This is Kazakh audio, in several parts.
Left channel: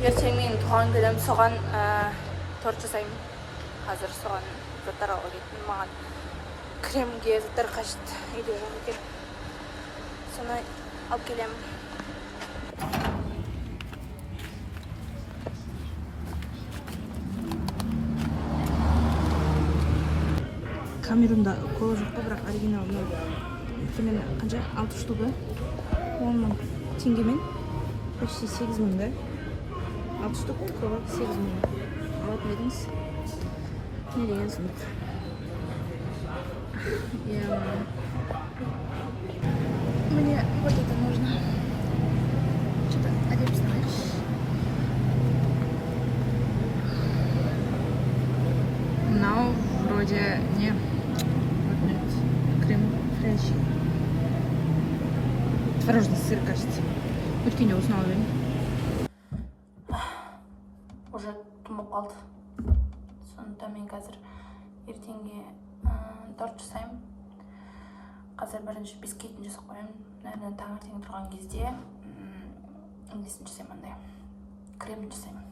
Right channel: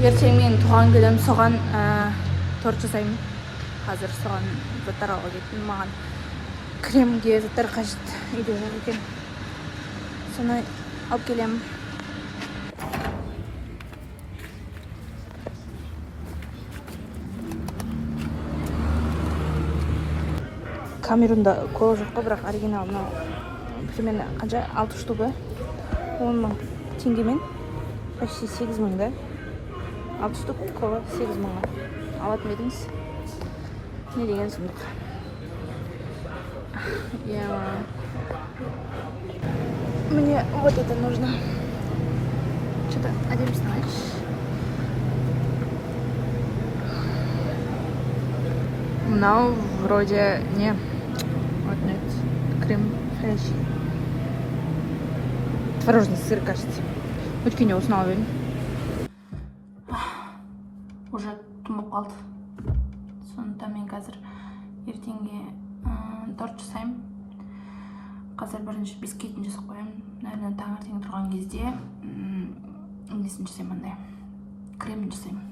ертең мен туған күнім, соған торт жасаймын. Қазір соған заттар алуға кеттім. Маған кремге заттар қажет, үйде жоқ екен. Соны алып келемін. Камерунда кола жоққа, бірақ оригинал примерно қанша? 6 штугы 10 мың теңгемен, почти 8 мың да. 6 штук кола 8 мыңға алатын едіңіз. Не деген сұмдық. Мне вот это нужно. Что-то один знаешь. Но вроде не. Вот нет. Крем френч. Творожный сыр, кажется. Өткен не узнал, верно? Уже тумап қалды. Сондықтан мен қазір ертеңге торт жасаймын. Қазір бірінші бисквитін жасап қоямын. Наверное, таңертең тұрған кезде несін жасаймын, андай кремін жасаймын.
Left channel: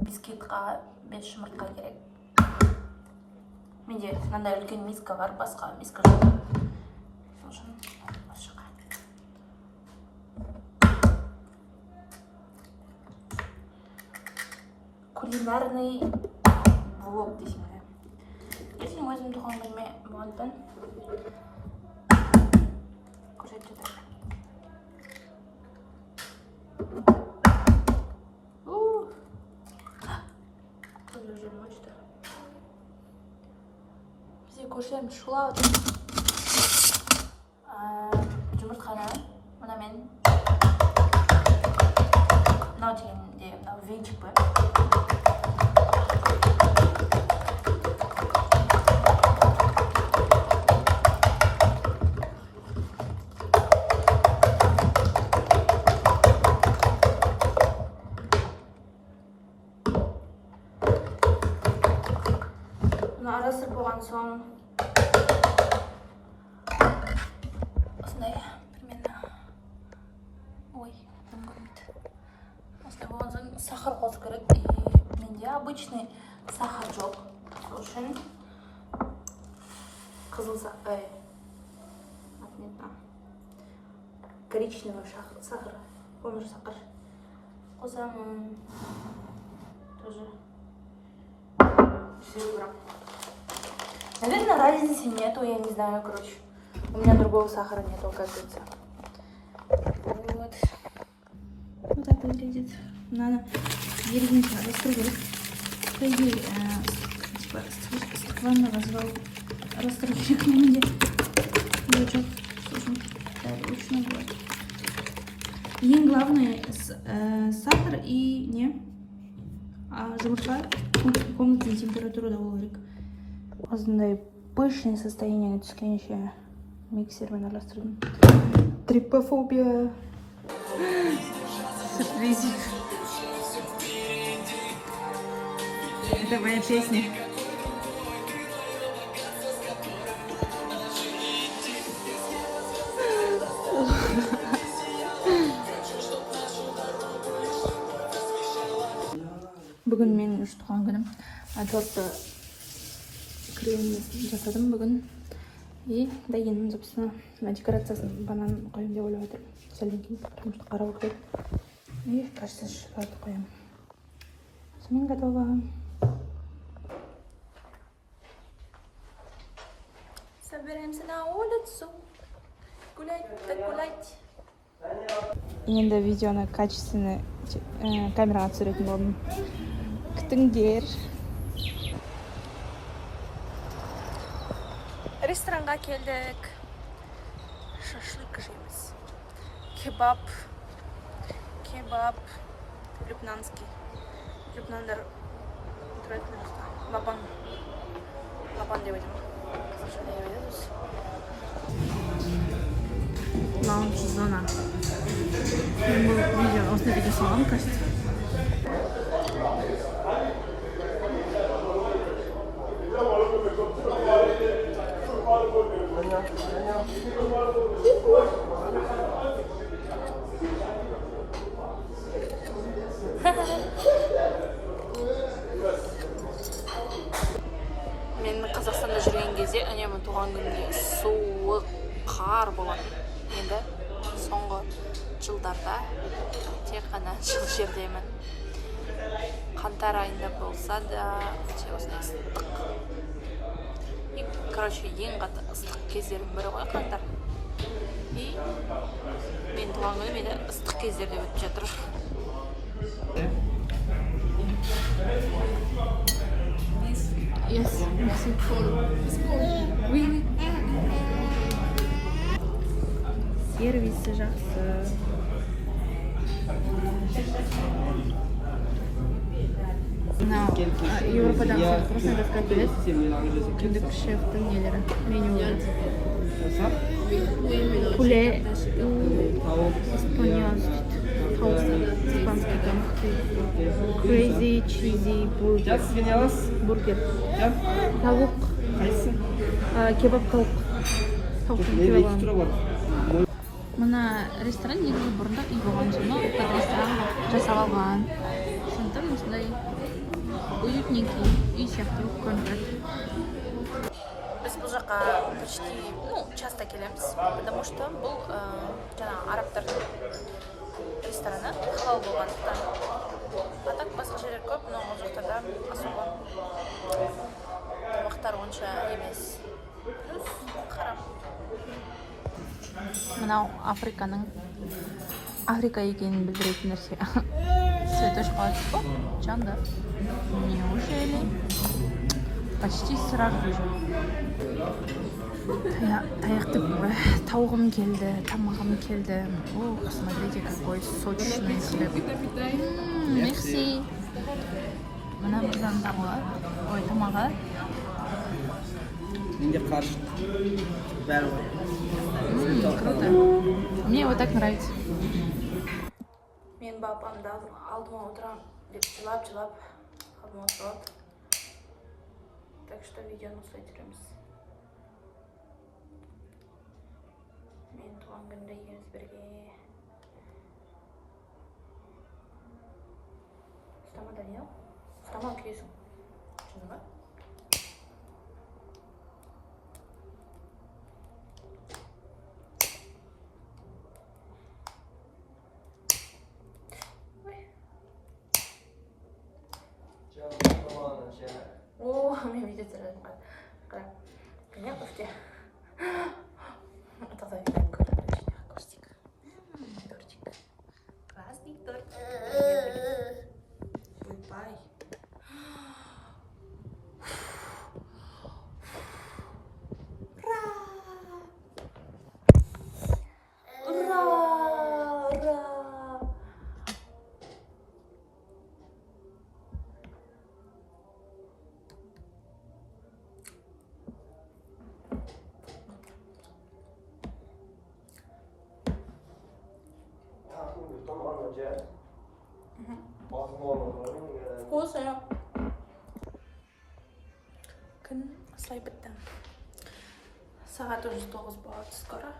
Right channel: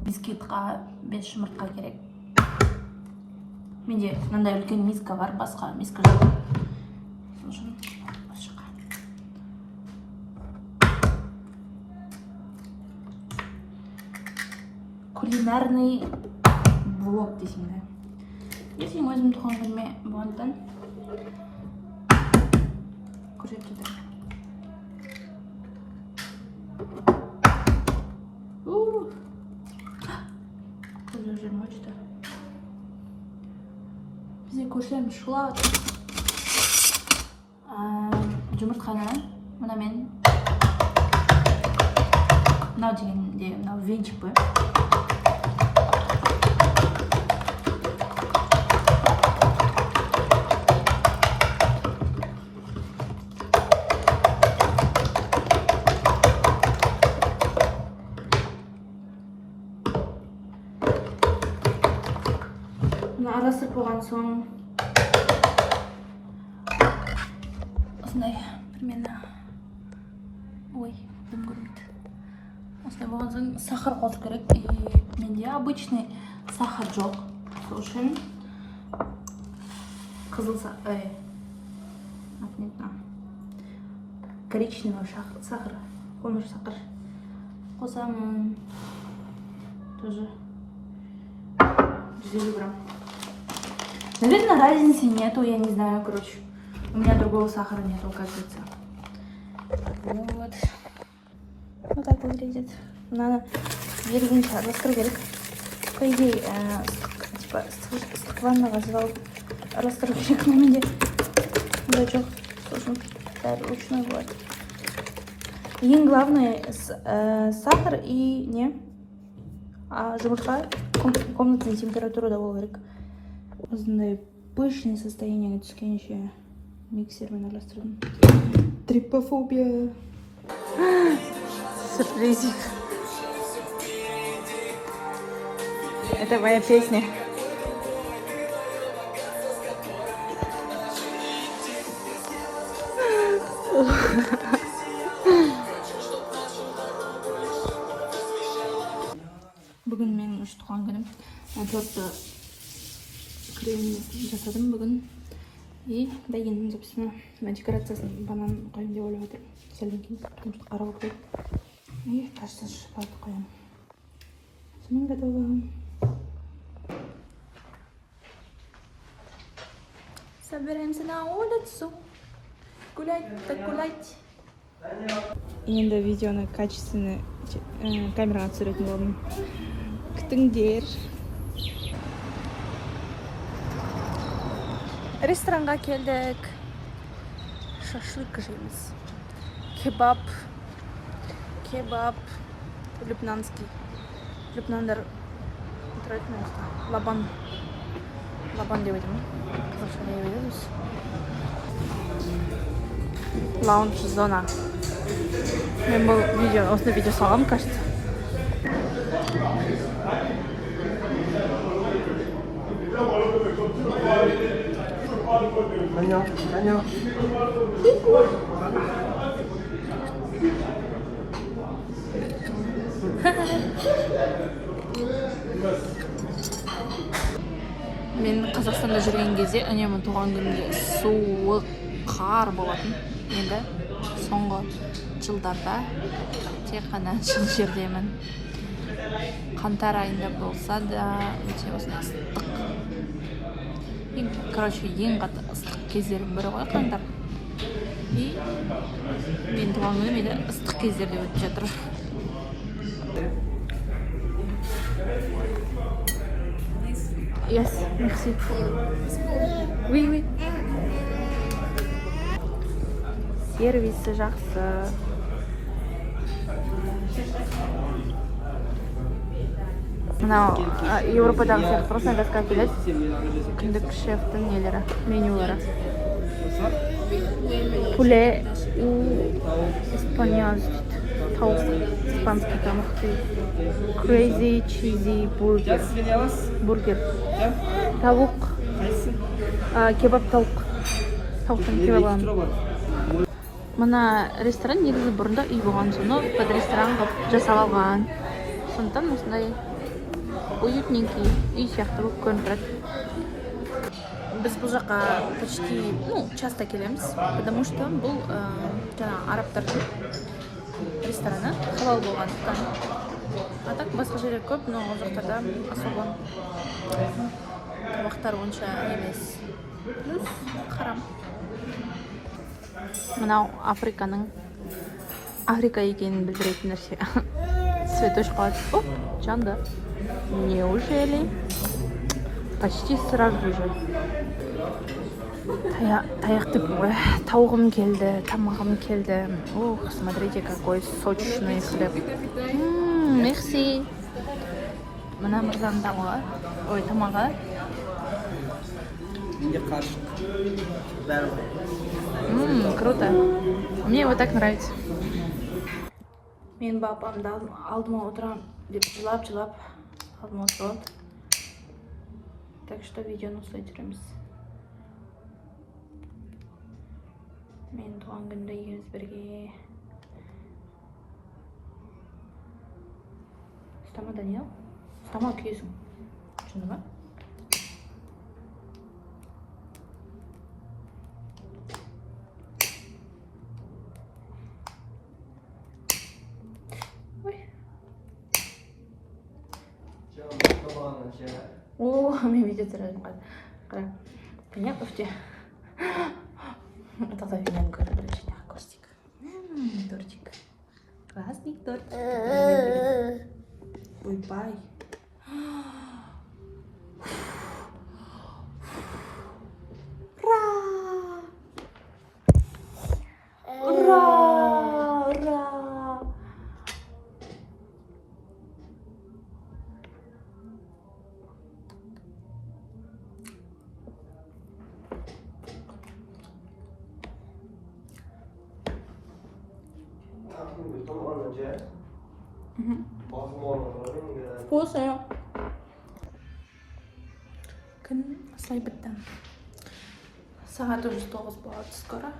Бисквитқа 5 жұмыртқа керек. Менде мынандай үлкен миска бар, басқа миска жоқ. Сол үшін осы жаққа. Кулинарный блог дейсің бе. Ертең өзім туған күніме болғандықтан көрсетіп жатырмын. Көзім жерім өшті. Бізде көршілеріміз шулап отыр. Жұмыртқаны мынамен, мынау дегенде мынау венчик бар. Арасырып болған соң осындай примерно дым көрмейді. Осындай болған соң сахар қосу керек. Менде обычный сахар жоқ. Сол үшін қызыл сахар, коричневый сахар, қоңыр сахар қосамын. Тоже 150 грамм. Наверное, разницы нету, я не знаю, короче. У меня другого сахара нету, оказывается. Вот. Вот так выглядит. Надо зелененько расстроить. По идее, типа, стаканного звал расстроить. Но мне дачок должен писать ручной вот. Ең главное сахар и не. А жұмыртқа комнатной температурада болу керек. Осындай пышное состояние түскенше миксермен араластырдым. Трипофобия. Сюрпризик. Это моя песня. Бүгін менің туған күнім. Тортты крем жасадым бүгін. И бәйгенің записына декорациясын банан қойым деп ойлап отырмын. Сәлден кейін, потому что қарау керек. И кажется, шоколад қоям. Сонымен готово. Собираемся на улицу. Гулять, так гулять. Енді видеоны качественный камераға түсіретін болдым. Күтіңдер. Ресторанға келдік. Шашлык жейміз. Кебаб. Лебнанский. Лебнандар тұратын жақта. Лабан деп айтамын. Қазақша деп айтамыз. Лаунж зона. Мен бұл осындай видео салғам, кажется. Мен Қазақстанда жүрген кезде үнемі туған күнде суық қар болатын. Енді соңғы жылдарда тек қана жылы жердемін. Қаңтар айында болса да өте осындай ыстық. Короче, ең қатты ыстық кездердің бірі ғой қаңтар. И мен туған күнім енді ыстық кездерде өтіп жатыр. Yes, merci. Oui, oui. Сервисі жақсы. Мынау Европадағы сияқты просто газға келеді. Күндік шефтің нелері, менюлары. Пуле испаньоз дейді. Тауық, испанский тамақ дейді. Crazy cheesy burger. Бургер. Тауық. Кебаб тауық. Тауықтың кебабын. Мына ресторан негізі бұрында үй болған, соны под ресторан қылып жасап алған. Сондықтан осындай уютненький үй сияқты болып көрініп тұрады. Біз бұл жаққа почти, часто келеміз, потому что бұл арабтардың рестораны халал болғандықтан. А так басқа жерлер көп, но ол жақтарда особо тамақтар онша емес. Плюс харам. Мынау Африка екенін білдіретін нәрсе. Цветочка. Оп, жанды. Неужели? Почти сразу же. Таяқ деп қой. Тауығым келді, тамағым келді. Ох, смотрите, какой сочный хлеб. Мерси. Мына мырзаның тамағы. Ой, тамағы. Круто. Мне вот так нравится. Мен бапамды алдыма отырам деп жылап алдыма отырады. Так что видеоны осылай түсіреміз. Мен туған күнде екеуміз бірге. Ұстама, Даниэл. Ұстама, күйесің. Түсінді ма? О, мен видео түсіремін. Қара. Конечно, өте. Тогда видеоны көріп көрсетейік. Тортик. Классный тортик. Ойбай. Вкусная. Күн осылай бітті. Сағат уже 9 болады скоро.